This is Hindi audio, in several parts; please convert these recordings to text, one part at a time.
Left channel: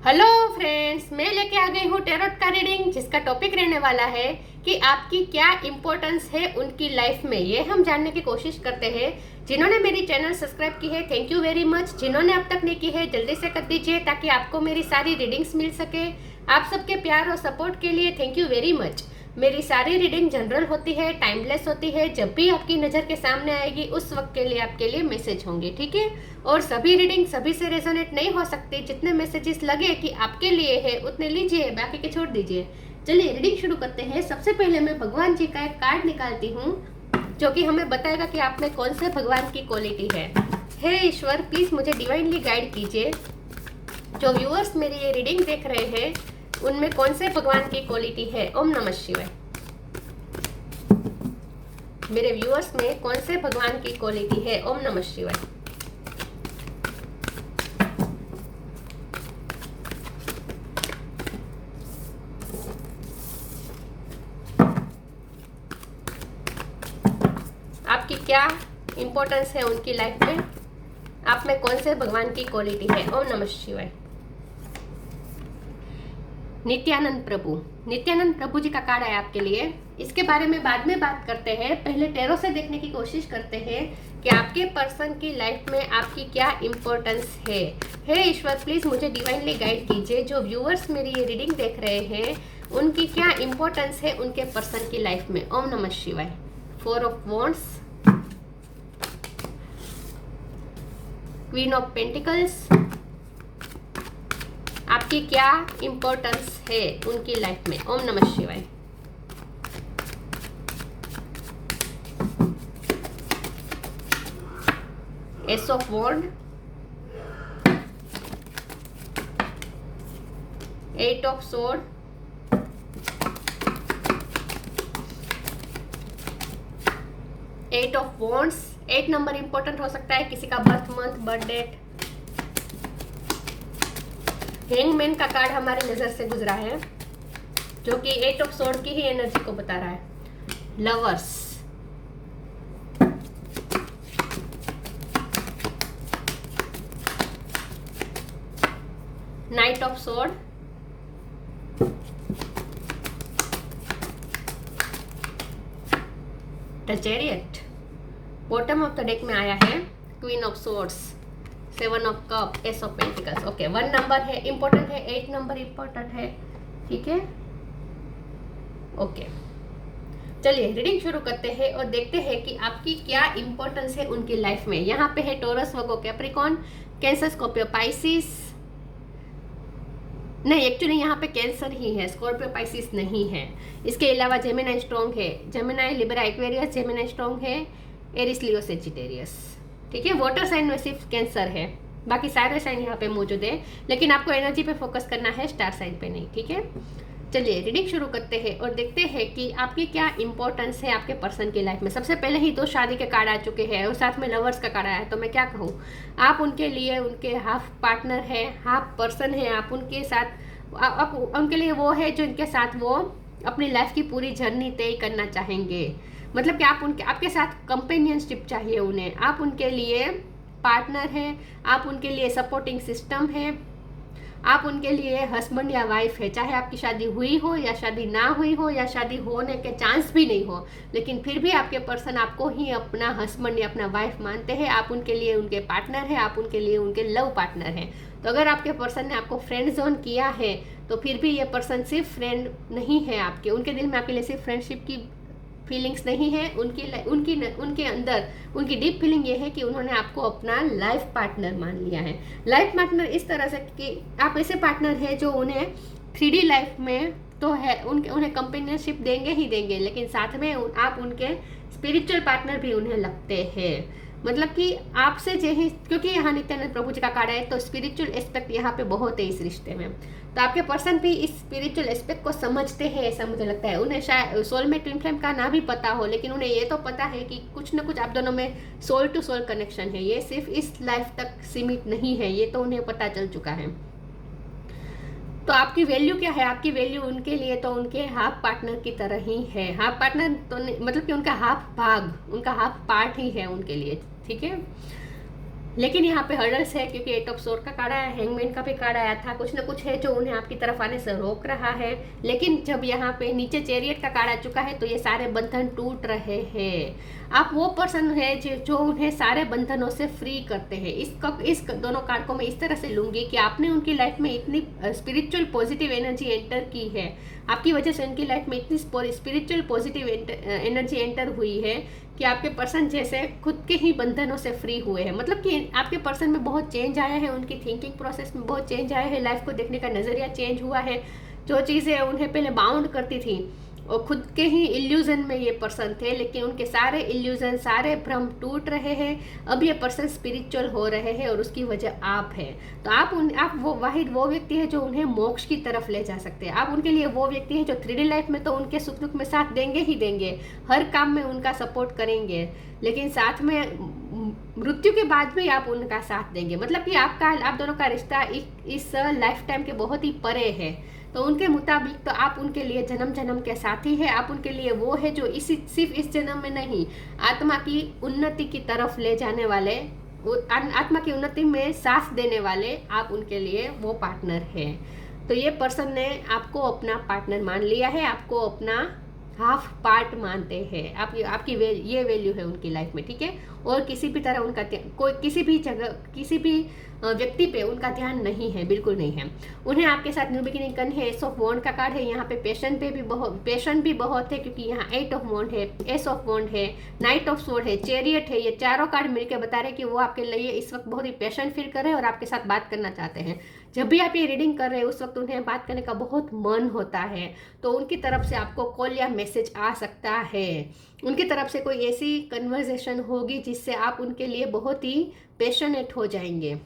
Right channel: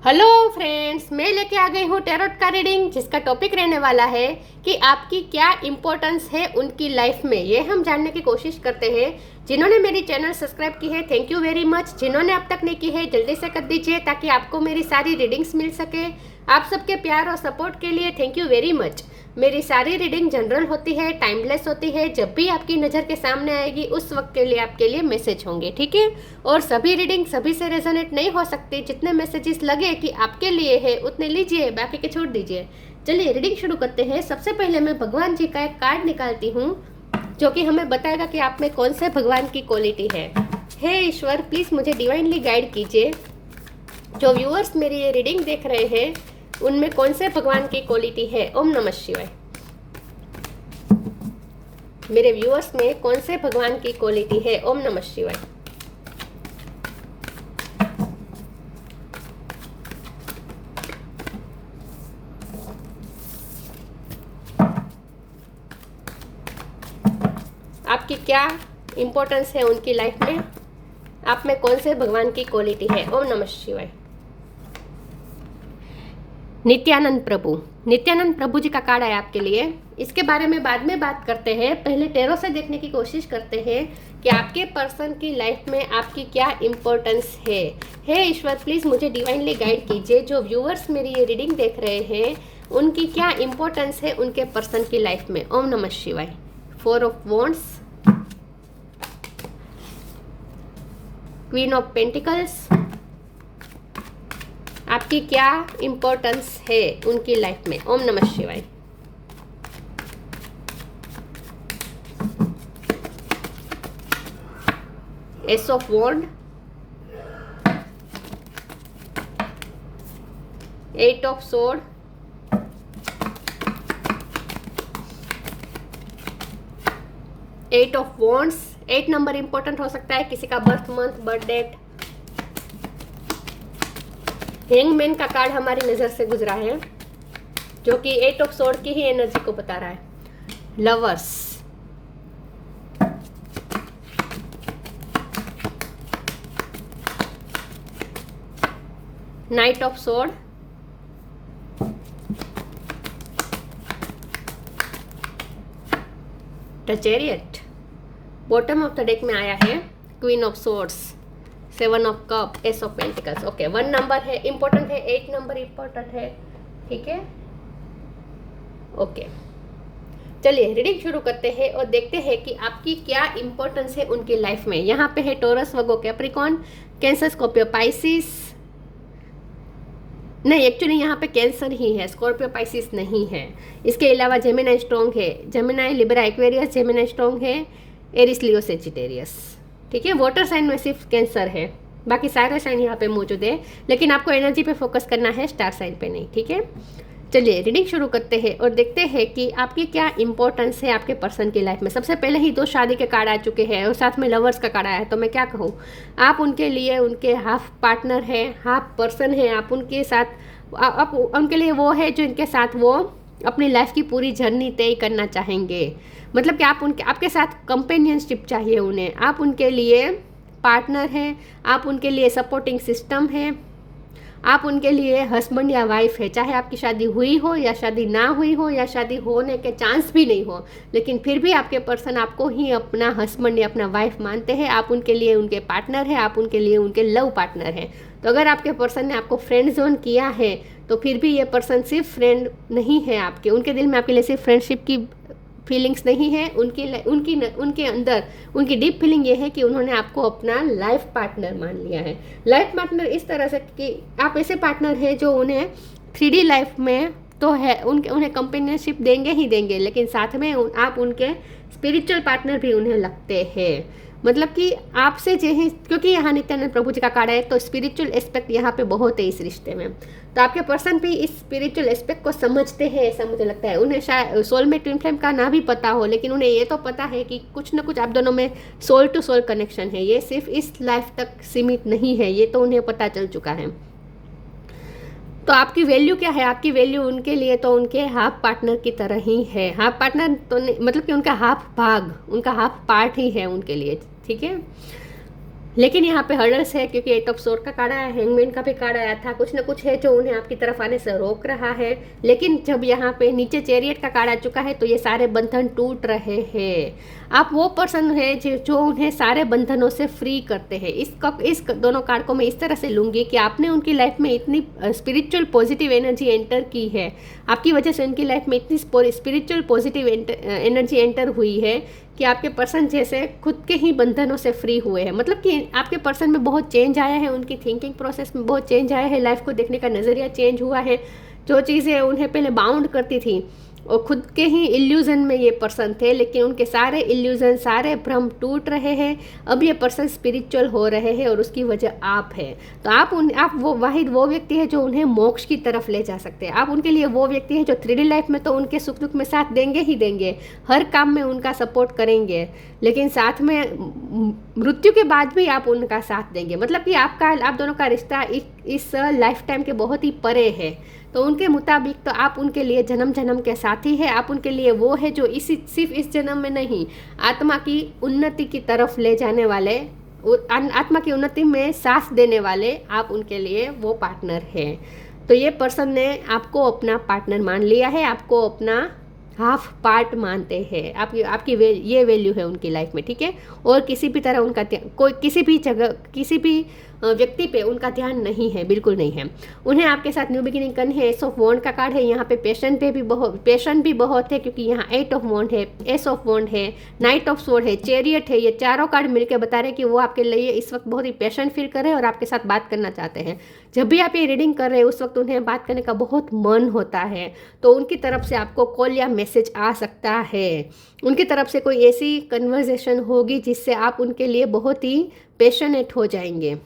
हेलो फ्रेंड्स, मैं लेके आ गई हूँ टैरोट का रीडिंग, जिसका टॉपिक रहने वाला है कि आपकी क्या इम्पोर्टेंस है उनकी लाइफ में। ये हम जानने की कोशिश करते हैं। जिन्होंने मेरी चैनल सब्सक्राइब की है, थैंक यू वेरी मच। जिन्होंने अब तक नहीं की है, जल्दी से कर दीजिए ताकि आपको मेरी सारी रीडिंग्स मिल सके। आप सबके प्यार और सपोर्ट के लिए थैंक यू वेरी मच। मेरी सारी रीडिंग जनरल होती है, टाइमलेस होती है। जब भी आपकी नज़र के सामने आएगी उस वक्त के लिए आपके लिए मैसेज होंगे, ठीक है। और सभी रीडिंग सभी से रेजोनेट नहीं हो सकती। जितने मैसेजेस लगे कि आपके लिए है उतने लीजिए, बाकी के छोड़ दीजिए। चलिए रीडिंग शुरू करते हैं। सबसे पहले मैं भगवान जी का एक कार्ड निकालती हूँ जो कि हमें बताएगा कि आप में कौन से भगवान की क्वालिटी है। हे ईश्वर, प्लीज़ मुझे डिवाइनली गाइड कीजिए। जो व्यूअर्स मेरी ये रीडिंग देख रहे हैं उनमें कौन से भगवान की क्वालिटी है। ओम नमः शिवाय। मेरे व्यूअर्स में कौन से भगवान की क्वालिटी है। ओम नमः शिवाय। आपकी क्या इम्पोर्टेंस है उनकी लाइफ में, आप में कौन से भगवान की क्वालिटी है। ओम नमः शिवाय। नित्यानंद प्रभु, नित्यानंद प्रभु जी का कार्ड है आपके लिए। इसके बारे में बाद में बात करते हैं। पहले टैरो से देखने की कोशिश करते हैं कि आपके पर्सन की लाइफ में आपकी क्या इम्पोर्टेंस है। हे ईश्वर, प्लीज़ मुझे डिवाइनली गाइड कीजिए। जो व्यूअर्स मेरी ये रीडिंग देख रहे हैं उनकी क्या इम्पोर्टेंस है उनके पर्सन की लाइफ में। ओम नमः शिवाय। 4 of wands, queen of pentacles, आपकी क्या इम्पोर्टेंस है उनकी लाइफ में। ओम नमः शिवाय। Ace of wand, 8 of sword, 8 of wands. 8 number important हो सकता है, किसी का birth month, birth date. Hangman का कार्ड हमारी नजर से गुजरा है जो कि 8 ऑफ सोर्ड की ही एनर्जी को बता रहा है। Lovers, night of sword, the chariot. Bottom of the deck में आया है queen of swords, 7 of cup, S of pentacles. Okay, 1 number है इंपॉर्टेंट है, 8 नंबर इंपॉर्टेंट है, ठीक है। ओके, चलिए रीडिंग शुरू करते हैं और देखते हैं कि आपकी क्या इंपॉर्टेंस है उनकी लाइफ में। यहाँ पे है टॉरस, वर्गो, कैप्रिकॉर्न, कैंसर, स्कॉर्पियो, पाइसिस। नहीं, एक्चुअली यहाँ पे कैंसर ही है, स्कॉर्पियो पाइसिस नहीं है। इसके अलावा जेमिनाई स्ट्रॉन्ग है, Gemini, Libra, Aquarius, Gemini strong है, एरिस, लियो, सेजिटेरियस, ठीक है। वाटर साइन में सिर्फ कैंसर है, बाकी सारे साइन यहाँ पे मौजूद है, लेकिन आपको एनर्जी पे फोकस करना है, स्टार साइन पे नहीं, ठीक है। चलिए रीडिंग शुरू करते हैं और देखते हैं कि आपकी क्या इंपॉर्टेंस है आपके पर्सन की लाइफ में। सबसे पहले ही 2 शादी के कार्ड आ चुके हैं और साथ में लवर्स का कार्ड आया है, तो मैं क्या कहूँ, आप उनके लिए उनके हाफ पार्टनर है, हाफ पर्सन है। आप उनके साथ आप उनके लिए वो है जो इनके साथ वो अपनी लाइफ की पूरी जर्नी तय करना चाहेंगे। मतलब कि आप उनके आपके साथ कंपेनियनशिप चाहिए उन्हें, आप उनके लिए पार्टनर हैं, आप उनके लिए सपोर्टिंग सिस्टम है, आप उनके लिए हस्बैंड या वाइफ है। चाहे आपकी शादी हुई हो या शादी ना हुई हो या शादी होने के चांस भी नहीं हो, लेकिन फिर भी आपके पर्सन आपको ही अपना हस्बैंड या अपना वाइफ मानते हैं। आप उनके लिए उनके पार्टनर है, आप उनके लिए उनके लव पार्टनर है। तो अगर आपके पर्सन ने आपको फ्रेंड जोन किया है तो फिर भी ये पर्सन सिर्फ फ्रेंड नहीं है आपके, उनके दिल में आपके लिए सिर्फ फ्रेंडशिप की फीलिंग्स नहीं है। उनके अंदर उनकी डीप फीलिंग ये है कि उन्होंने आपको अपना लाइफ पार्टनर मान लिया है। लाइफ पार्टनर इस तरह से कि आप ऐसे पार्टनर हैं जो उन्हें 3D लाइफ में तो है, उन्हें कंपेनियनशिप देंगे ही देंगे, लेकिन साथ में आप उनके स्पिरिचुअल पार्टनर भी उन्हें लगते हैं। मतलब कि आपसे जो है, क्योंकि यहाँ नित्यानंद प्रभु जी का कार्ड है तो स्पिरिचुअल एस्पेक्ट यहाँ पे बहुत है इस रिश्ते में। तो आपके पर्सन भी इस स्पिरिचुअल एस्पेक्ट को समझते हैं, ऐसा मुझे लगता है। उन्हें शायद सोलमेट ट्विन फ्लेम का ना भी पता हो, लेकिन उन्हें ये तो पता है कि कुछ ना कुछ आप दोनों में सोल टू सोल कनेक्शन है। ये सिर्फ इस लाइफ तक सीमित नहीं है, ये तो उन्हें पता चल चुका है। तो आपकी वैल्यू क्या है, आपकी वैल्यू उनके लिए तो उनके हाफ पार्टनर की तरह ही है। हाफ पार्टनर तो, मतलब कि उनका हाफ भाग, उनका हाफ पार्ट ही है उनके लिए, ठीक है। लेकिन यहाँ पे हर्डल्स है, क्योंकि 8 ऑफ सोर्ड का कार्ड आया, हैंगमैन का भी कार्ड आया था। कुछ ना कुछ है जो उन्हें आपकी तरफ आने से रोक रहा है। लेकिन जब यहाँ पे नीचे चैरियट का कार्ड आ चुका है तो ये सारे बंधन टूट रहे हैं। आप वो पर्सन है जो उन्हें सारे बंधनों से फ्री करते हैं। इस दोनों कार्ड को मैं इस तरह से लूँगी कि आपने उनकी लाइफ में इतनी स्पिरिचुअल पॉजिटिव एनर्जी एंटर की है, आपकी वजह से उनकी लाइफ में इतनी स्पिरिचुअल पॉजिटिव एनर्जी एंटर हुई है कि आपके पर्सन जैसे खुद के ही बंधनों से फ्री हुए हैं। मतलब कि आपके पर्सन में बहुत चेंज आया है, उनकी थिंकिंग प्रोसेस में बहुत चेंज आया है, लाइफ को देखने का नज़रिया चेंज हुआ है। जो चीज़ें उन्हें पहले बाउंड करती थी और खुद के ही इल्यूजन में ये पर्सन थे, लेकिन उनके सारे इल्यूजन, सारे भ्रम टूट रहे हैं। अब ये पर्सन स्पिरिचुअल हो रहे हैं और उसकी वजह आप है। तो आप वो वाहिद वो व्यक्ति है जो उन्हें मोक्ष की तरफ ले जा सकते हैं। आप उनके लिए वो व्यक्ति है जो 3D लाइफ में तो उनके सुख दुख में साथ देंगे ही देंगे, हर काम में उनका सपोर्ट करेंगे, लेकिन साथ में मृत्यु के बाद भी आप उनका साथ देंगे। मतलब कि आप दोनों का रिश्ता इस लाइफ टाइम के बहुत ही परे है। तो उनके मुताबिक तो आप उनके लिए जन्म जन्म के साथी है। आप उनके लिए वो है जो सिर्फ इस जन्म में नहीं, आत्मा की उन्नति की तरफ ले जाने वाले, आत्मा की उन्नति में साथ देने वाले आप उनके लिए वो पार्टनर है। तो ये पर्सन ने आपको अपना पार्टनर मान लिया है, आपको अपना हाफ पार्ट मानते हैं। आपकी ये वैल्यू है उनकी लाइफ में, ठीक है। और किसी भी तरह उनका कोई किसी भी जगह किसी भी व्यक्ति पे उनका ध्यान नहीं है, बिल्कुल नहीं है। उन्हें आपके साथ न्यू बिगिनिंग करनी है। एस ऑफ वॉन्ड का कार्ड है यहाँ पे। पेशेंट भी बहुत है, क्योंकि यहाँ 8 ऑफ वॉन्ड है, एस ऑफ वॉन्ड है, नाइट ऑफ स्वॉर्ड है, चैरियट है। ये चारों कार्ड मिलकर बता रहे हैं कि वो आपके लिए इस वक्त बहुत ही पेशेंट फील कर रहे हैं और आपके साथ बात करना चाहते हैं। जब भी आप ये रीडिंग कर रहे हैं उस वक्त उन्हें बात करने का बहुत मन होता है, तो उनकी तरफ से आपको कॉल या मैसेज आ सकता है। उनकी तरफ से कोई ऐसी कन्वर्सेशन होगी जिससे आप उनके लिए बहुत ही पैशनेट हो जाएंगे।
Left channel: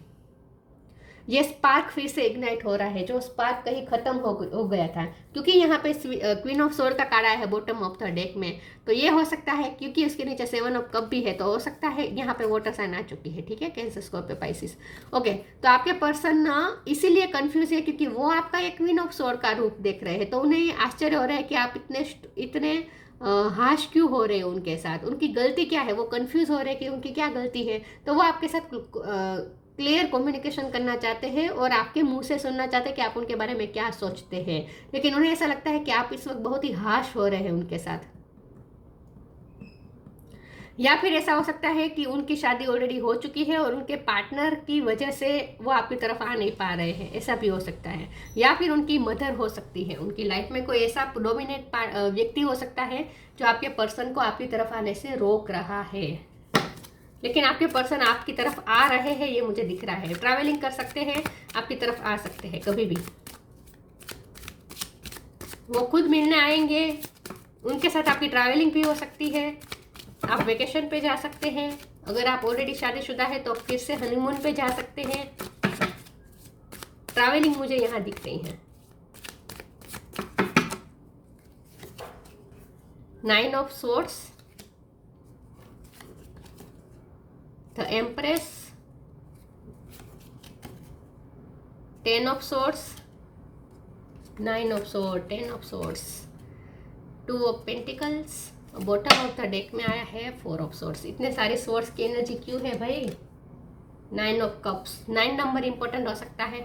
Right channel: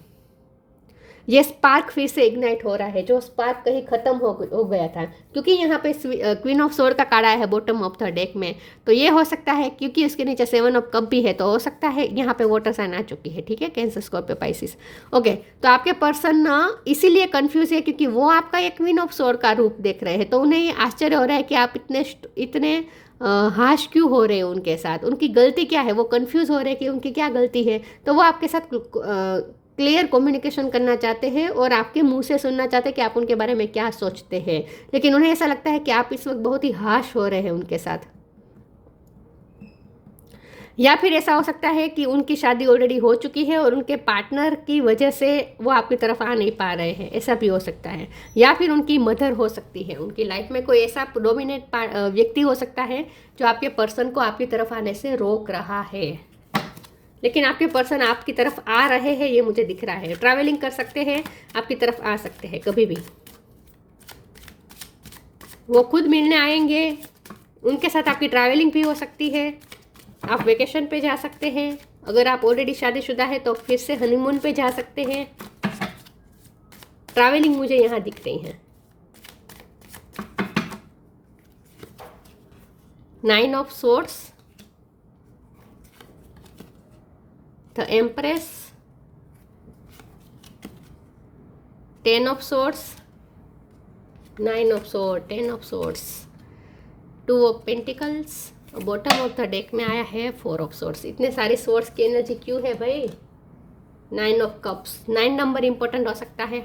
ये स्पार्क फिर से इग्नाइट हो रहा है, जो स्पार्क कहीं खत्म हो गया था, क्योंकि यहाँ पे क्वीन ऑफ सोर्ड का कार्ड आया है बॉटम ऑफ द डेक में। तो ये हो सकता है, क्योंकि उसके नीचे 7 ऑफ कप भी है, तो हो सकता है यहाँ पे वाटर साइन आ चुकी है, ठीक है। Cancer, Scorpio, Pisces. ओके, तो आपके पर्सन ना इसीलिए कंफ्यूज है क्योंकि वो आपका एक क्वीन ऑफ सोर्ड का रूप देख रहे हैं। तो उन्हें ये आश्चर्य हो रहा है कि आप इतने हाश क्यों हो रहे हैं उनके साथ, उनकी गलती क्या है। वो कंफ्यूज हो रहे हैं कि उनकी क्या गलती है। तो वो आपके साथ क्लियर कम्युनिकेशन करना चाहते हैं और आपके मुंह से सुनना चाहते हैं कि आप उनके बारे में क्या सोचते हैं। लेकिन उन्हें ऐसा लगता है कि आप इस वक्त बहुत ही हाश हो रहे हैं उनके साथ। या फिर ऐसा हो सकता है कि उनकी शादी ऑलरेडी हो चुकी है और उनके पार्टनर की वजह से वो आपकी तरफ आ नहीं पा रहे हैं, ऐसा भी हो सकता है। या फिर उनकी मदर हो सकती है, उनकी लाइफ में कोई ऐसा डोमिनेट व्यक्ति हो सकता है जो आपके पर्सन को आपकी तरफ आने से रोक रहा है। लेकिन आपके पर्सन आपकी तरफ आ रहे हैं, ये मुझे दिख रहा है। ट्रैवलिंग कर सकते हैं, आपकी तरफ आ सकते हैं कभी भी। वो खुद मिलने आएंगे, उनके साथ आपकी ट्रैवलिंग भी हो सकती है। आप वेकेशन पे जा सकते हैं। अगर आप ऑलरेडी शादीशुदा है तो फिर से हनीमून पे जा सकते हैं। ट्रैवलिंग मुझे यहाँ दिख रही है। 9 of swords, the empress, 10 of swords, 9 of sword, 10 of swords, 2 of pentacles. Bottom of the deck में आया है 4 ऑफ सोर्ड्स। इतने सारे सोर्ड्स की एनर्जी क्यों है भाई? 9 ऑफ कप्स, 9 नंबर इंपॉर्टेंट हो सकता है।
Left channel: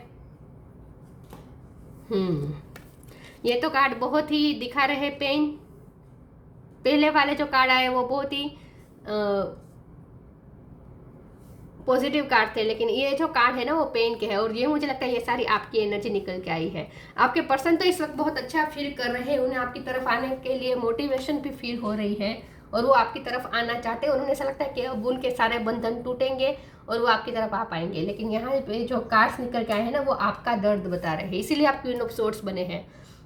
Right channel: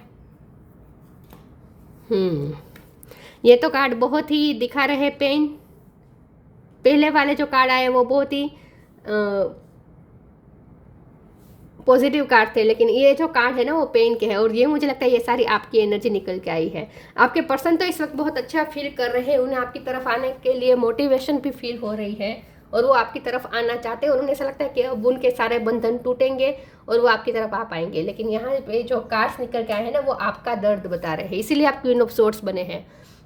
ये तो कार्ड बहुत ही दिखा रहे पेन। पहले वाले जो कार्ड आए वो बहुत ही पॉजिटिव कार्ड थे, लेकिन ये जो कार्ड है ना वो पेन के है। और ये मुझे लगता है ये सारी आपकी एनर्जी निकल के आई है। आपके पर्सन तो इस वक्त बहुत अच्छा फील कर रहे हैं, उन्हें आपकी तरफ आने के लिए मोटिवेशन भी फील हो रही है और वो आपकी तरफ आना चाहते हैं। और उन्हें ऐसा लगता है कि अब उनके सारे बंधन टूटेंगे और वो आपकी तरफ आ पाएंगे। लेकिन यहाँ पे जो कार्ड्स निकल के आए हैं ना वो आपका दर्द बता रहे हैं, इसीलिए आप क्वीन ऑफ सोर्ड्स बने हैं।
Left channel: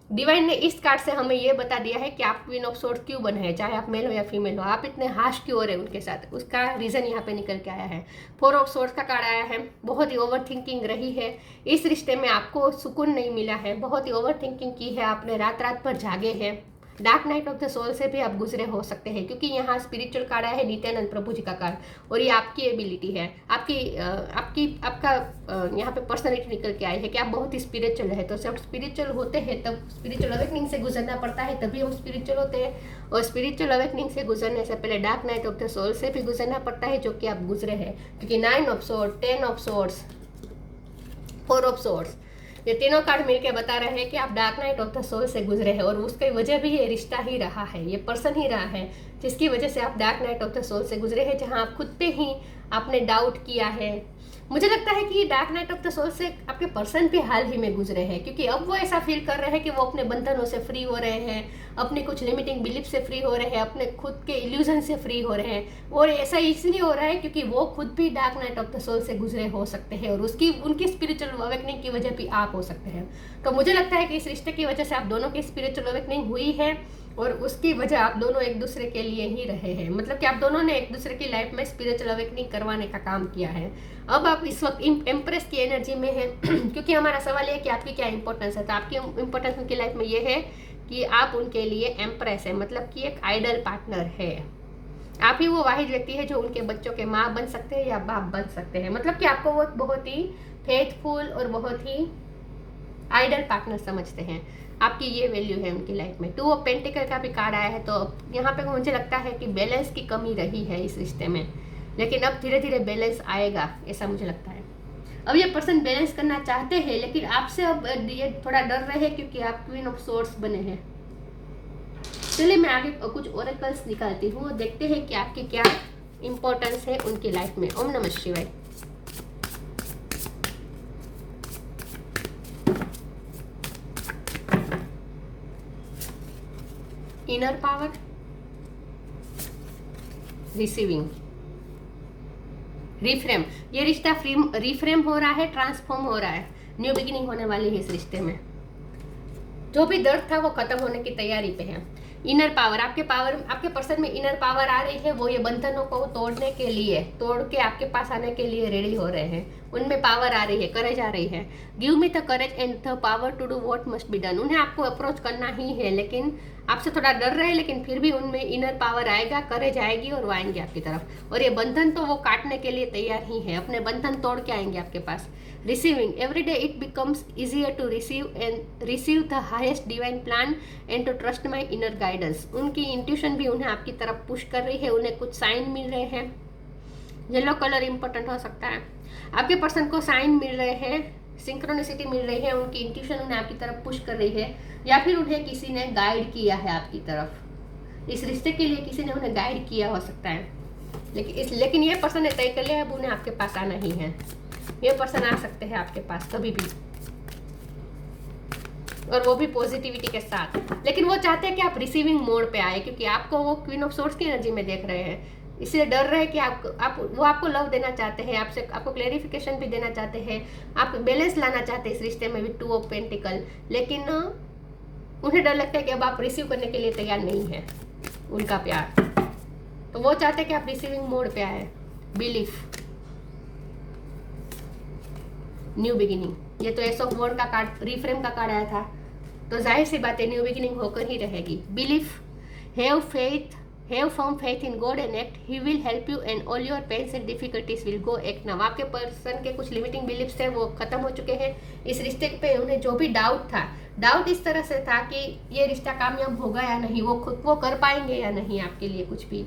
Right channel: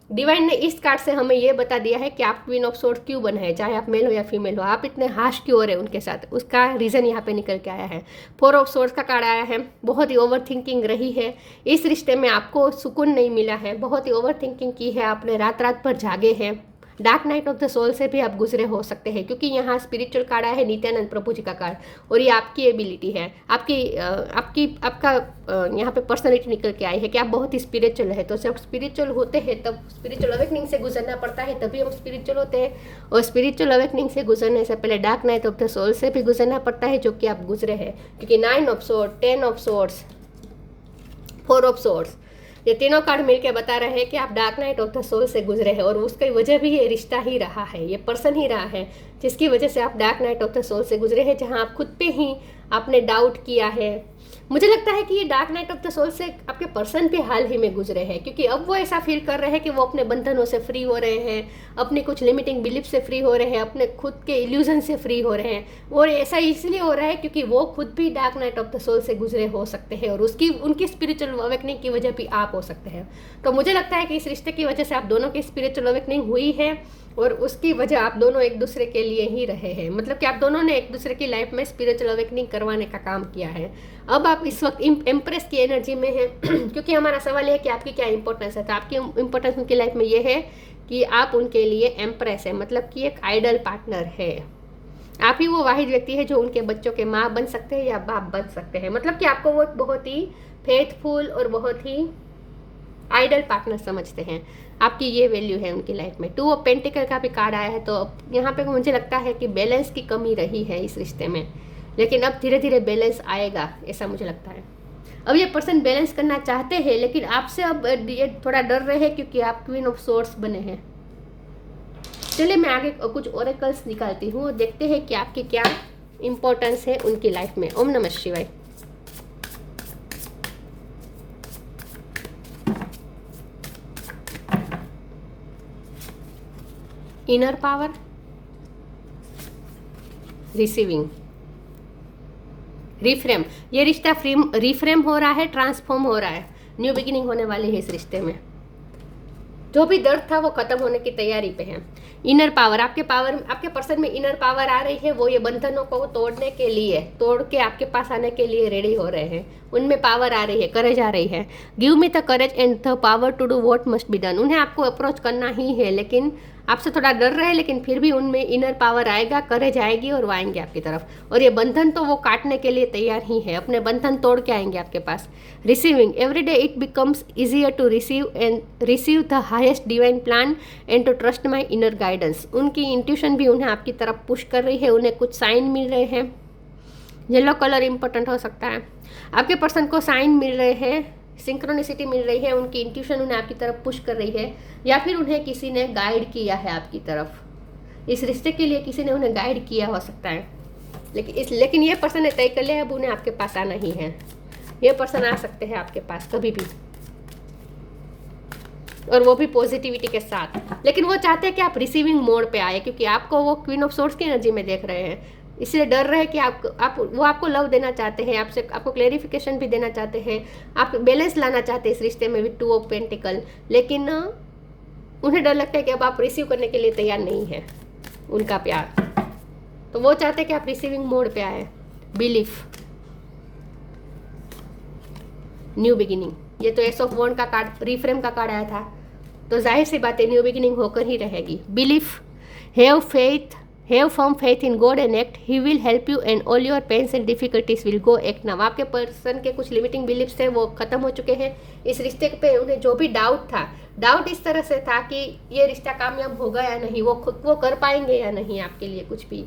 डिवाइन ने इस कार्ड से हमें ये बता दिया है कि आप क्वीन ऑफ सोर्ड क्यों बने हैं, चाहे आप मेल हो या फीमेल हो। आप इतने हाश क्यों हो रहे हैं उनके साथ, उसका रीज़न यहाँ पे निकल के आया है। 4 ऑफ सोर्ड्स का कार्ड आया है। बहुत ही ओवर थिंकिंग रही है इस रिश्ते में, आपको सुकून नहीं मिला है, बहुत ही ओवर थिंकिंग की है आपने, रात रात भर जागे हैं। Dark night of the soul से भी आप गुजरे हो सकते हैं, क्योंकि यहाँ स्पिरिचुअल कार्ड आया है नित्यानंद प्रभु जी का कार्ड, और ये आपकी एबिलिटी है, आपका यहाँ पे पर्सनैलिटी निकल के आई है कि आप बहुत ही स्पिरिचुअल है। तो जब स्पिरिचुअल होते हैं तब स्पिरिचुअल अवेकनिंग से गुजरना पड़ता है, तभी हम स्पिरिचुअल होते हैं। और स्पिरिचुअल अवेकनिंग से गुजरने से पहले dark night of the soul से भी गुजरना पड़ता है, जो कि आप गुजरे हैं, क्योंकि 9 of sword, 10 of swords, 4 of swords, ये तीनों कार्ड मिलके बता रहे हैं कि आप dark night of the soul से गुजरे हैं, और उसकी वजह भी ये रिश्ता ही रहा है, ये पर्सन ही रहा है जिसकी वजह से आप dark night of the soul से गुजरे हैं, जहां आप खुद पे ही आपने डाउट किया है। मुझे लगता है कि ये dark night of the soul से आपके पर्सन भी हाल ही में गुजरे हैं, क्योंकि अब वो ऐसा फील कर रहे हैं कि वो अपने बंधनों से फ्री हो रहे हैं, अपने कुछ लिमिटिंग बिलीफ से फ्री हो रहे हैं, अपने खुद के इल्यूजन से फ्री हो रहे हैं। और ऐसा इसलिए हो रहा है क्योंकि वो खुद भी dark night of the soul से गुजरे हो सकते हैं, और उनकी स्पिरिचुअल अवेकनिंग की वजह भी आप हो सकते हैं। तो मुझे लगता है कि इस रिश्ते की वजह से आप दोनों की स्पिरिचुअल अवेकनिंग हुई है, और उसकी वजह आप दोनों एक दूसरे के लिए ही रहे हैं, मतलब कि आप दोनों ने एक दूसरे की लाइफ में स्पिरिचुअल अवेकनिंग करवाने का काम किया है। अब आप इस वक्त एम्प्रेस की एनर्जी में हैं क्योंकि हमारा सवाल है कि आपकी क्या इंपॉर्टेंस है। तो आपकी इंपॉर्टेंस उनकी लाइफ में ये है कि आप उनके लिए एम्प्रेस है, मतलब कि एक आइडल पार्टनर है। आप ही वो वाहिद व्यक्ति है जो उनके बच्चों के माँ बन सकते हैं या बाप बन सकते हैं, मतलब कि आपको वो बहुत ही फेथफुल और बहुत ही आइडल पार्टनर समझते हैं। आपकी ये वैल्यू है उनकी लाइफ में। 2 ऑफ पेंटिकल का भी कार्ड आया है, तो यहाँ पे मुझे लगता है कि बैलेंस की कमी रही है इस रिश्ते में, लेकिन अब धीरे धीरे बैलेंस आएगा, ऐसा मुझे लगता है। अब ये पर्सन बैलेंस करना चाहते हैं, लेकिन आपसे अब ये थोड़ा डर रहे हैं क्योंकि आप क्वीन ऑफ सोर्ड्स बने हैं। चलिए मैं आगे कुछ ओरेकल्स निकालती हूँ, देखते हैं कि आपकी क्या इंपॉर्टेंस है उनकी लाइफ में। ओम नमः शिवाय। Inner power, receiving, reframe. ये रिश्ता रिफ्रेम हो रहा है, ट्रांसफॉर्म हो रहा है, न्यू बिगिनिंग होने वाली है इस रिश्ते में। जो भी दर्द था वो खत्म होने की तैयारी पे है। इनर पावर, आपके पर्सन में इनर पावर आ रही है, वो ये बंधनों को तोड़ने के लिए, तोड़ के आपके पास आने के लिए रेडी हो रहे हैं। उनमें पावर आ रही है, करेज आ रही है। Give me the courage and the power to do what must be done. उन्हें आपको अप्रोच करना ही है, लेकिन आपसे थोड़ा डर रहे हैं, लेकिन फिर भी उनमें इनर पावर आएगा, करेज आएगी और वो आएंगे आपकी तरफ। और ये बंधन तो वो काटने के लिए तैयार ही है, अपने बंधन तोड़ के आएंगे आपके पास। Receiving, every day it becomes easier to receive the highest divine plan and to trust my inner guidance. उनकी इंट्यूशन भी उन्हें आपकी तरफ पुश कर रही है, उन्हें कुछ साइन मिल रहे हैं। येलो कलर इंपॉर्टेंट हो सकता है। आपके पर्सन को साइन मिल रहे हैं, सिंक्रोनिसिटी मिल रही है, उनकी इंट्यूशन उन्हें आपकी तरफ पुश कर रही है, या फिर उन्हें किसी ने गाइड किया है आपकी तरफ। इस रिश्ते के लिए किसी ने उन्हें गाइड किया हो सकता है, लेकिन ये पर्सन ने तय कर लिया, अब उन्हें आपके पास आना ही है। ये पर्सन आ सकते हैं आपके पास कभी भी, और वो भी पॉजिटिविटी के साथ। लेकिन वो चाहते हैं कि आप रिसीविंग मोड पे आए, क्योंकि आपको वो क्वीन ऑफ सोर्ड्स की एनर्जी में देख रहे हैं, इसलिए डर रहे हैं कि वो आपको लव देना चाहते हैं, आपको क्लेरिफिकेशन भी देना चाहते हैं, आप बैलेंस लाना चाहते हैं इस रिश्ते में विद 2 ऑफ पेंटिकल। लेकिन उन्हें डर लगता है कि अब आप रिसीव करने के लिए तैयार नहीं है उनका प्यार, तो वो चाहते हैं कि आप रिसीविंग मोड पे आए। बिलीफ, न्यू बिगिनिंग, ये तो एस ऑफ वॉन्ड का कार्ड, रिफ्रेम का कार्ड आया था, तो जाहिर सी बात है न्यू बिगिनिंग होकर ही रहेगी। Belief, have faith, have firm faith in God and act, he will help you and all your pains and difficulties will go act now. आपके पर्सन के कुछ लिमिटिंग बिलीफ्स थे वो खत्म हो चुके हैं इस रिश्ते पे। उन्हें जो भी डाउट था, डाउट इस तरह से था कि ये रिश्ता कामयाब होगा या नहीं, वो कर पाएंगे या नहीं आपके लिए कुछ भी,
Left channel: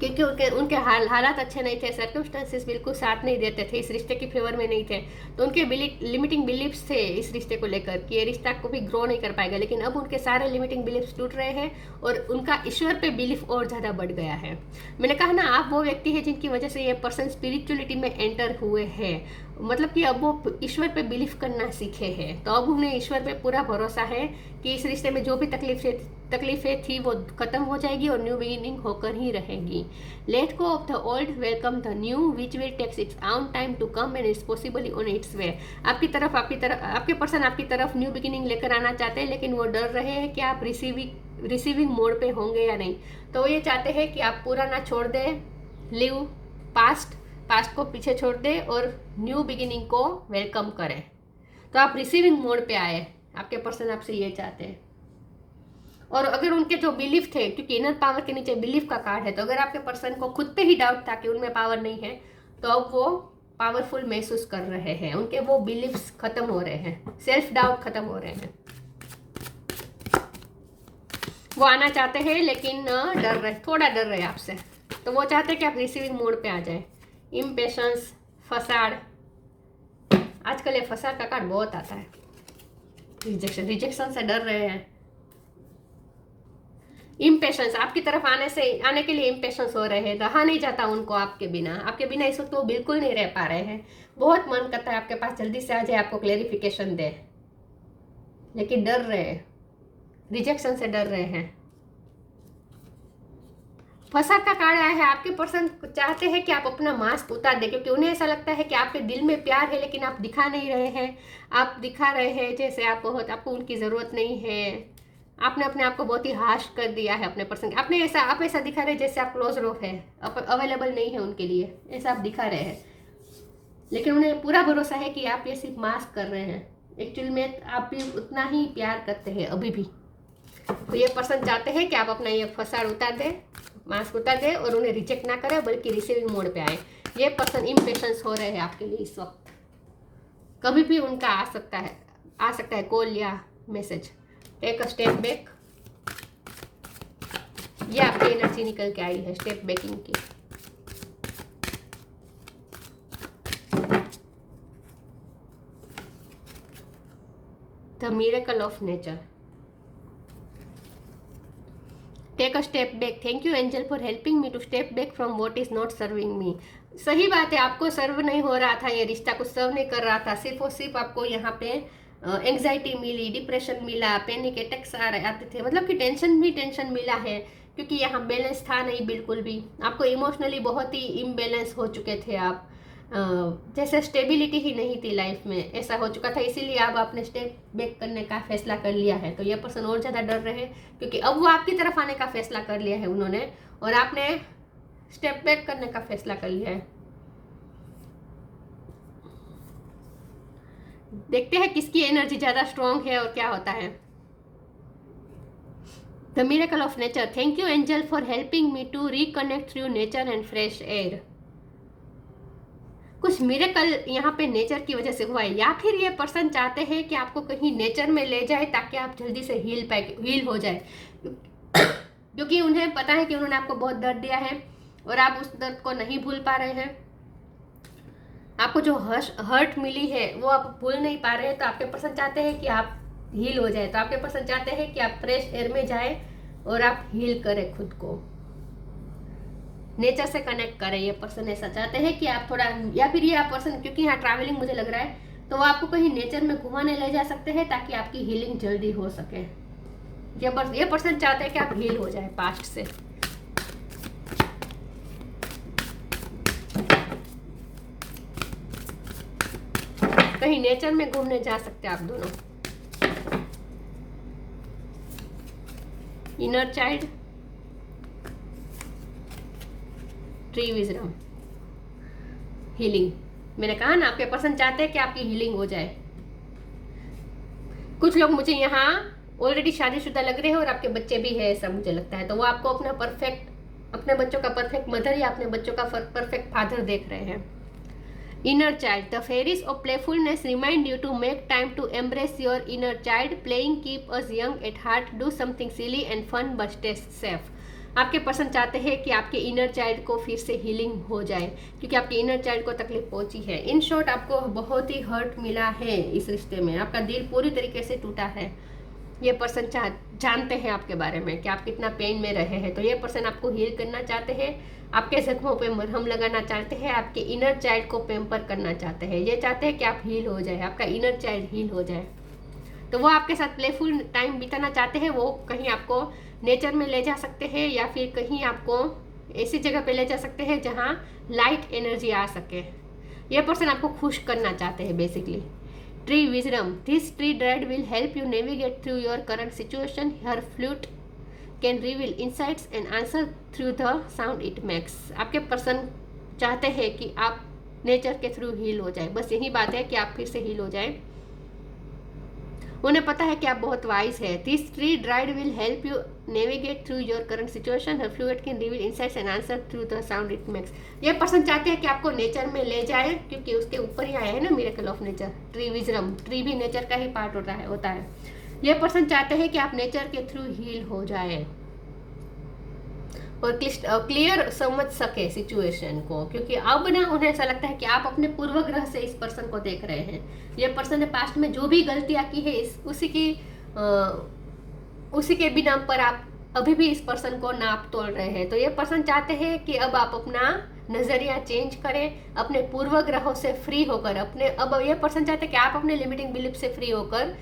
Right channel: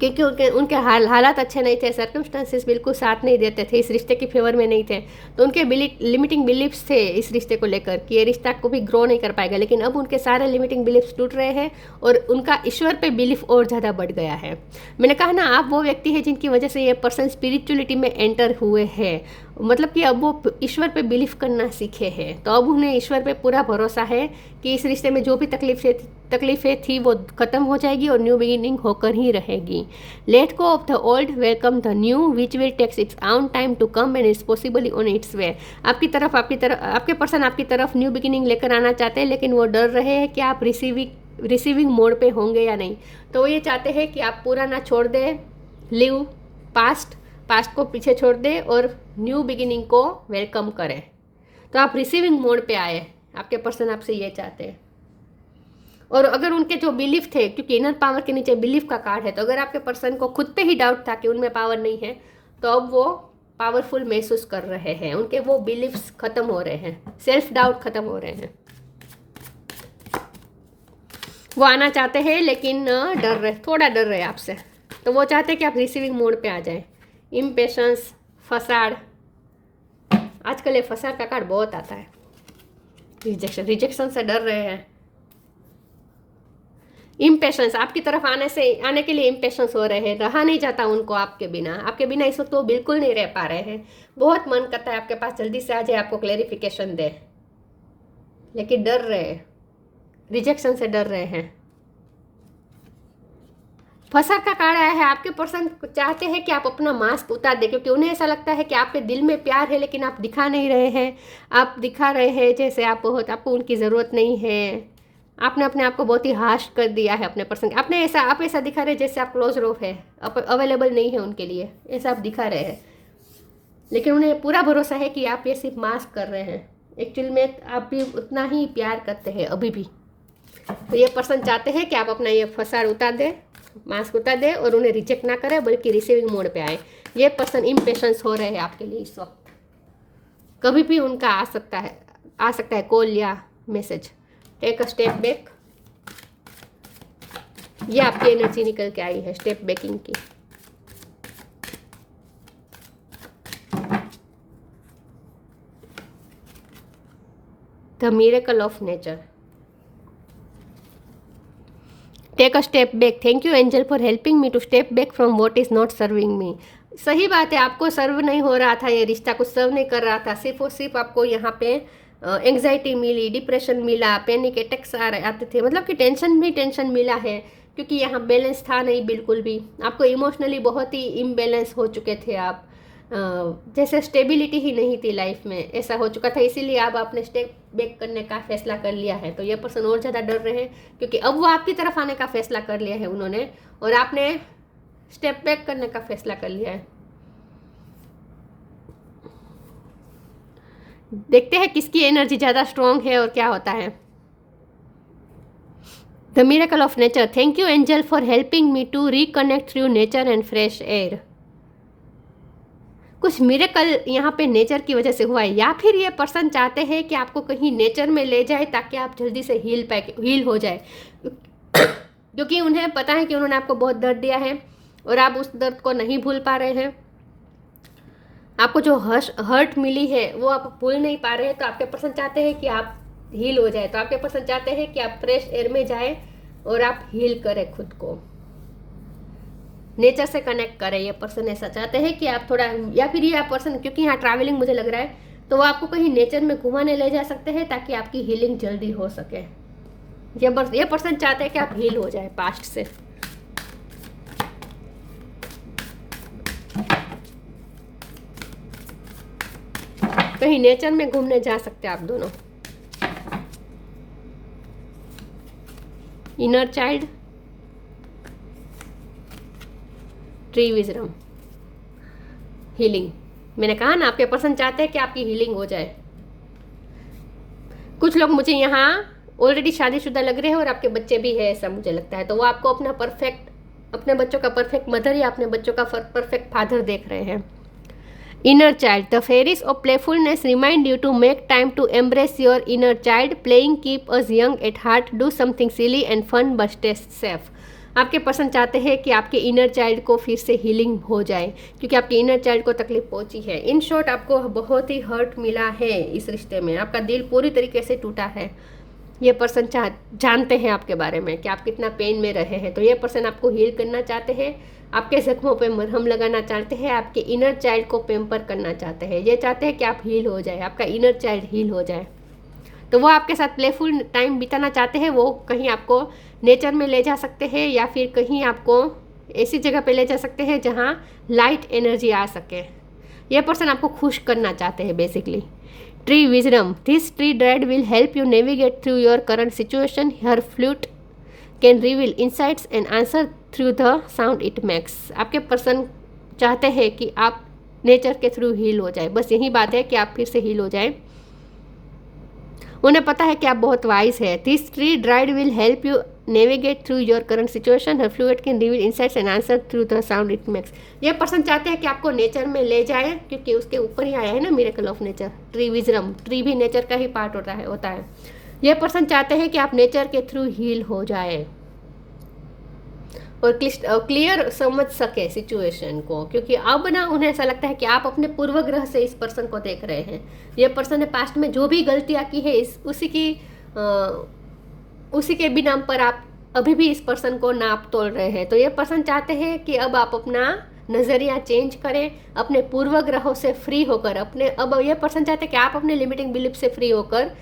क्योंकि उनके हालात अच्छे नहीं थे, सर्कमस्टांसेस बिल्कुल साथ नहीं देते थे, इस रिश्ते के फेवर में नहीं थे। तो उनके लिमिटिंग बिलीफ्स थे इस रिश्ते को लेकर कि ये रिश्ता को भी ग्रो नहीं कर पाएगा। लेकिन अब उनके सारे लिमिटिंग बिलीफ्स टूट रहे हैं और उनका ईश्वर पे बिलीफ और ज़्यादा बढ़ गया है। मैंने कहा ना, आप वो व्यक्ति है जिनकी वजह से ये पर्सन स्पिरिचुअलिटी में एंटर हुए हैं, मतलब कि अब वो ईश्वर पे बिलीव करना सीखे हैं। तो अब उन्हें ईश्वर पे पूरा भरोसा है कि इस रिश्ते में जो भी तकलीफें थी वो खत्म हो जाएगी और न्यू बिगिनिंग होकर ही रहेगी। Let go of the old, welcome the new which will takes its own time to come and is possibly on its way. आपके पर्सन आपकी तरफ न्यू बिगिनिंग लेकर आना चाहते हैं, लेकिन वो डर रहे हैं कि आप रिसीविंग मोड पे होंगे या नहीं। तो वो ये चाहते हैं कि आप पुराना छोड़ दें, लिव पास्ट को पीछे छोड़ दें और न्यू बिगिनिंग को वेलकम करें। तो आप रिसीविंग मोड पे आए, आपके पर्सन आपसे ये चाहते हैं। और अगर उनके जो बिलीफ थे, क्योंकि इनर पावर के नीचे बिलीफ का कार्ड है, तो अगर आपके पर्सन को खुद पे ही डाउट था कि उनमें पावर नहीं है, तो अब वो पावरफुल महसूस कर रहे हैं, उनके वो बिलीफ्स खत्म हो रहे हैं, सेल्फ डाउट खत्म हो रहे हैं। वो आना चाहते हैं लेकिन डर रहे, थोड़ा डर रहे आपसे, तो वो चाहते हैं कि आप रिसीविंग मोड पे आ जाए। इम्पेशंस, फसाड, आजकल ये फसाड का कार्ड बहुत आता है। रिजेक्शन से डर रहे हैं। इम्पेशंस, आपकी तरफ आने के लिए इम्पेशंस हो रहे हैं, रहा नहीं जाता उनको आपके बिना इस वक्त वो बिल्कुल नहीं रह पा रहे हैं। बहुत मन करता है आपके पास जल्दी से आ जाए, आपको क्लेरिफिकेशन दे, लेकिन डर रहे हैं, रिजेक्शन से डर रहे हैं। फसाद का कार्ड आया है। आपके पर्सन चाहते हैं कि आप अपना मास्क उतार दें, क्योंकि उन्हें ऐसा लगता है कि आपके दिल में प्यार है लेकिन आप दिखा नहीं रहे हैं। आप दिखा रहे हैं जैसे आपको उनकी ज़रूरत नहीं है। आपने अपने आप को बहुत ही हार्श कर दिया है अपने पर्सन। आप ऐसा दिखा रहे हैं जैसे आप क्लोज रॉफ है, अवेलेबल नहीं है उनके लिए, ऐसा आप दिखा रहे हैं। लेकिन उन्हें पूरा भरोसा है कि आप ये सिर्फ मास्क कर रहे हैं, एक्चुअल में आप भी उतना ही प्यार करते हैं अभी भी। तो ये पर्सन चाहते हैं कि आप अपना ये फसाद उतार दें, मास्क उतार दें और उन्हें रिजेक्ट ना करें, बल्कि रिसीविंग मोड पे आए। ये पर्सन इम्पेशंस हो रहे हैं आपके लिए इस वक्त। कभी भी उनका आ सकता है कॉल या message. Take a step back. ये आपकी एनर्जी निकल के आई है स्टेप बैकिंग की। The miracle of nature. Take a step back. Thank you angel for helping me to step back from what is not serving me. सही बात है, आपको सर्व नहीं हो रहा था, ये रिश्ता कुछ सर्व नहीं कर रहा था। सिर्फ और सिर्फ आपको यहाँ पे एंग्जाइटी मिली, डिप्रेशन मिला, पैनिक अटैक्स आते थे, मतलब कि टेंशन मिला है, क्योंकि यहाँ बैलेंस था नहीं बिल्कुल भी। आपको इमोशनली बहुत ही इम्बैलेंस हो चुके थे आप, जैसे स्टेबिलिटी ही नहीं थी लाइफ में, ऐसा हो चुका था। इसीलिए अब आपने स्टेप बैक करने का फैसला कर लिया है। तो ये पर्सन और ज़्यादा डर रहे हैं, क्योंकि अब वो आपकी तरफ आने का फैसला कर लिया है उन्होंने, और आपने स्टेप बैक करने का फैसला कर लिया है। देखते हैं किसकी एनर्जी ज़्यादा स्ट्रॉन्ग है और क्या होता है। The miracle of nature. Thank you angel for helping me to reconnect through nature and fresh air. कुछ मिरेकल यहाँ पे नेचर की वजह से हुआ है, या फिर ये पर्सन चाहते हैं कि आपको कहीं नेचर में ले जाए ताकि आप जल्दी से हील हो जाए, क्योंकि उन्हें पता है कि उन्होंने आपको बहुत दर्द दिया है और आप उस दर्द को नहीं भूल पा रहे हैं। आपको जो हर्ट मिली है वो आप भूल नहीं पा रहे हैं। तो आपके पर्सन चाहते हैं कि आप हील हो जाए, तो आपके पर्सन चाहते हैं कि आप फ्रेश एयर में जाएं और आप हील करें खुद को, नेचर से कनेक्ट करें। ये पर्सन ऐसा चाहते हैं कि आप थोड़ा, या फिर ये पर्सन, क्योंकि यहाँ ट्रैवलिंग मुझे लग रहा है, तो वो आपको कहीं नेचर में घुमाने ले जा सकते हैं ताकि आपकी हीलिंग जल्दी हो सके। ये पर्सन चाहते हैं कि आप हील हो जाए पास्ट से। कहीं नेचर में घूमने जा सकते हैं आप दोनों। Inner child, tree wisdom, healing. मैंने कहा ना, आपके पर्सन चाहते हैं कि आपकी हीलिंग हो जाए। कुछ लोग मुझे यहाँ ऑलरेडी शादीशुदा लग रहे हैं और आपके बच्चे भी है, ऐसा मुझे लगता है। तो वो आपको अपने बच्चों का परफेक्ट मदर या अपने बच्चों का परफेक्ट फादर देख रहे हैं। Inner child. The fairies of playfulness remind you to make time to embrace your inner child. Playing keep us young at heart. Do something silly and fun but stay safe. आपके पर्सन चाहते हैं कि आपके इनर चाइल्ड को फिर से हीलिंग हो जाए, क्योंकि आपके इनर चाइल्ड को तकलीफ पहुंची है। इन शॉर्ट, आपको बहुत ही हर्ट मिला है इस रिश्ते में, आपका दिल पूरी तरीके से टूटा है। ये पर्सन जानते हैं आपके बारे में कि आप कितना पेन में रहे हैं। तो ये पर्सन आपको हील करना चाहते हैं, आपके जख्मों पे मरहम लगाना चाहते हैं, आपके इनर चाइल्ड को पेम्पर करना चाहते हैं। ये चाहते हैं कि आप हील हो जाए, आपका इनर चाइल्ड हील हो जाए। तो वो आपके साथ प्लेफुल टाइम बिताना चाहते हैं। वो कहीं आपको नेचर में ले जा सकते हैं, या फिर कहीं आपको ऐसी जगह पे ले जा सकते हैं जहाँ लाइट एनर्जी आ सके। ये पर्सन आपको खुश करना चाहते हैं basically. Tree wisdom. This tree dried will help you navigate through your current situation. Her flute can reveal insights and answer through the sound it makes. आपके पर्सन चाहते हैं कि आप नेचर के थ्रू हील हो जाए। बस यही बात है कि आप फिर से हील हो जाए। उन्हें पता है कि आप बहुत वाइज है। This tree dried will help you navigate through your current situation. Her fluid can reveal insights and answer through the sound it makes. ये पर्सन चाहते हैं कि आपको नेचर में ले जाए, क्योंकि उसके ऊपर ही आया है ना miracle of nature, tree wisdom. Tree भी नेचर का ही पार्ट होता है। ये पर्सन चाहते हैं कि आप नेचर के थ्रू हील हो जाए और क्लियर समझ सके सिचुएशन को, क्योंकि अब ना उन्हें ऐसा लगता है कि आप अपने पूर्वग्रह से इस पर्सन को देख रहे हैं। ये पर्सन ने पास्ट में जो भी गलतियां की है उसी के भी नाम पर आप अभी भी इस पर्सन को नाप तोल रहे हैं। तो ये पर्सन चाहते हैं कि अब आप अपना नजरिया चेंज करें, अपने पूर्वग्रहों से फ्री होकर अब ये पर्सन चाहते हैं कि आप अपने लिमिटिंग बिलीफ से फ्री होकर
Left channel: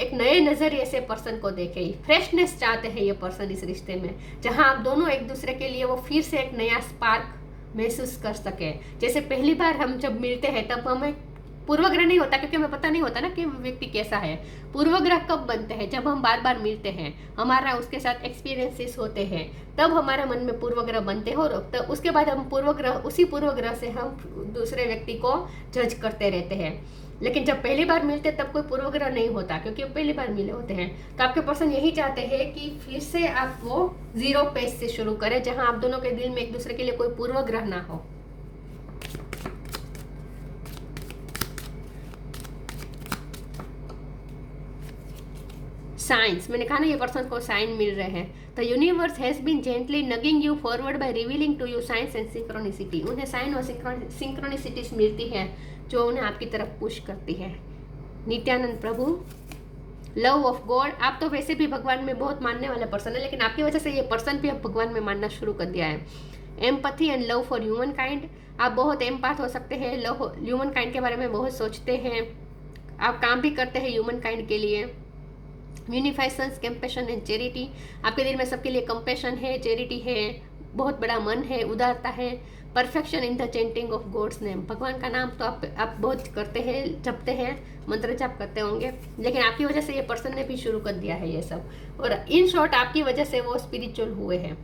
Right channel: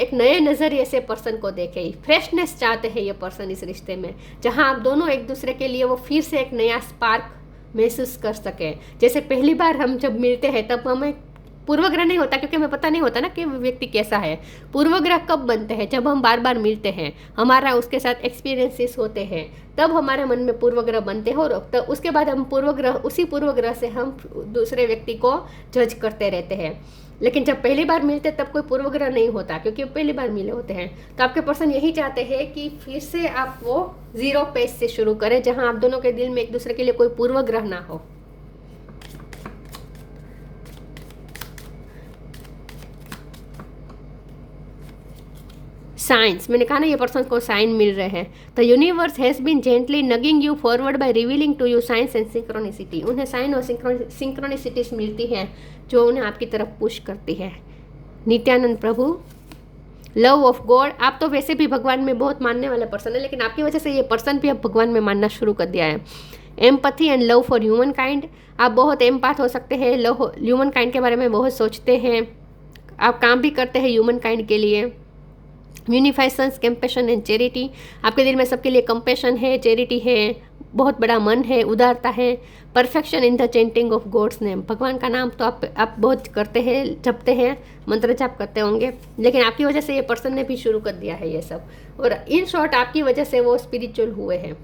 एक नए नजरिए से पर्सन को देखें। फ्रेशनेस चाहते हैं ये पर्सन इस रिश्ते में, जहां आप दोनों एक दूसरे के लिए वो फिर से एक नया स्पार्क महसूस कर सकें। जैसे पहली बार हम जब मिलते हैं तब हमें पूर्वग्रह नहीं होता, क्योंकि हमें पता नहीं होता ना कि व्यक्ति कैसा है। पूर्वग्रह कब बनते हैं? जब हम बार बार मिलते हैं, हमारा उसके साथ एक्सपीरियंसेस होते हैं, तब हमारे मन में पूर्वग्रह बनते हैं और तब उसके बाद हम उसी पूर्वग्रह से हम दूसरे व्यक्ति को जज करते रहते हैं। लेकिन जब पहली बार मिलते तब कोई पूर्वग्रह नहीं होता, क्योंकि पहली बार मिले होते हैं। तो आपके पर्सन यही चाहते हैं कि फिर से आप वो 0 पेज से शुरू करें, जहां आप दोनों के दिल में एक दूसरे के लिए कोई पूर्वग्रह ना हो। साइंस, मैंने कहा ना ये पर्सन को साइन मिल रहे हैं। The universe has been gently nudging you forward by revealing to you signs and synchronicity. उन्हें साइन और सिंक्रोनिसिटीज मिलती है जो उन्हें आपकी तरफ पुश करती है। नित्यानंद प्रभु, लव ऑफ गॉड। आप तो वैसे भी भगवान में बहुत मानने वाले पर्सन है, लेकिन आपकी वजह से ये पर्सन भी अब भगवान में मानना शुरू कर दिया है। Empathy and love for human kind. आप बहुत एम्पैथ हो सकते हैं, लव ह्यूमन काइंड के बारे में बहुत सोचते हैं, आप काम भी करते हैं ह्यूमन काइंड के लिए। यूनिफाइसेंस, कंपैशन एंड चैरिटी। आपके दिल में सबके लिए कंपैशन है, चैरिटी है, बहुत बड़ा मन है, उदारता है। Perfection in the chanting of God's name. भगवान का नाम तो आप बहुत करते हैं, जपते हैं, मंत्र जाप करते होंगे, लेकिन आपकी वजह से ये पर्सन ने भी शुरू कर दिया है ये सब। और इन शॉर्ट आपकी वजह से वो स्पिरिचुअल हुए हैं।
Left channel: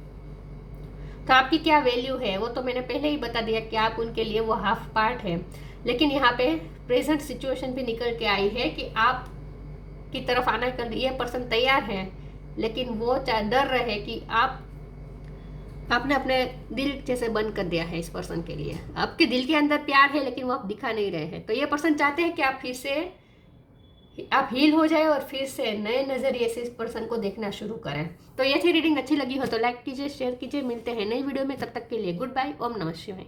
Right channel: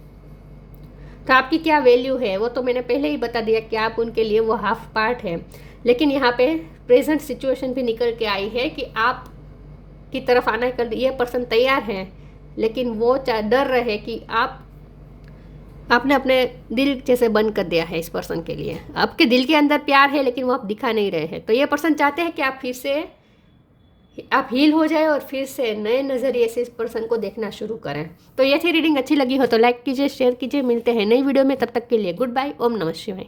तो आपकी क्या वैल्यू है वो तो मैंने पहले ही बता दिया कि आप उनके लिए वो हाफ पार्ट है। लेकिन यहाँ पे प्रेजेंट सिचुएशन भी निकल के आई है कि आप की तरफ आना कर ये पर्सन तैयार है, लेकिन वो डर रहे कि आपने अपने दिल जैसे बंद कर दिया है इस पर्सन के लिए। आपके दिल के अंदर प्यार है, लेकिन वो आप दिखा नहीं रहे हैं। तो ये पर्सन चाहते हैं कि आप फिर से आप हील हो जाए और फिर से नए नज़रिए से इस पर्सन को देखना शुरू करें। तो ये थी रीडिंग। अच्छी लगी हो तो लाइक कीजिए, शेयर कीजिए। मिलते हैं नई वीडियो में, तब तक के लिए गुड बाय। ओम नमः शिवाय।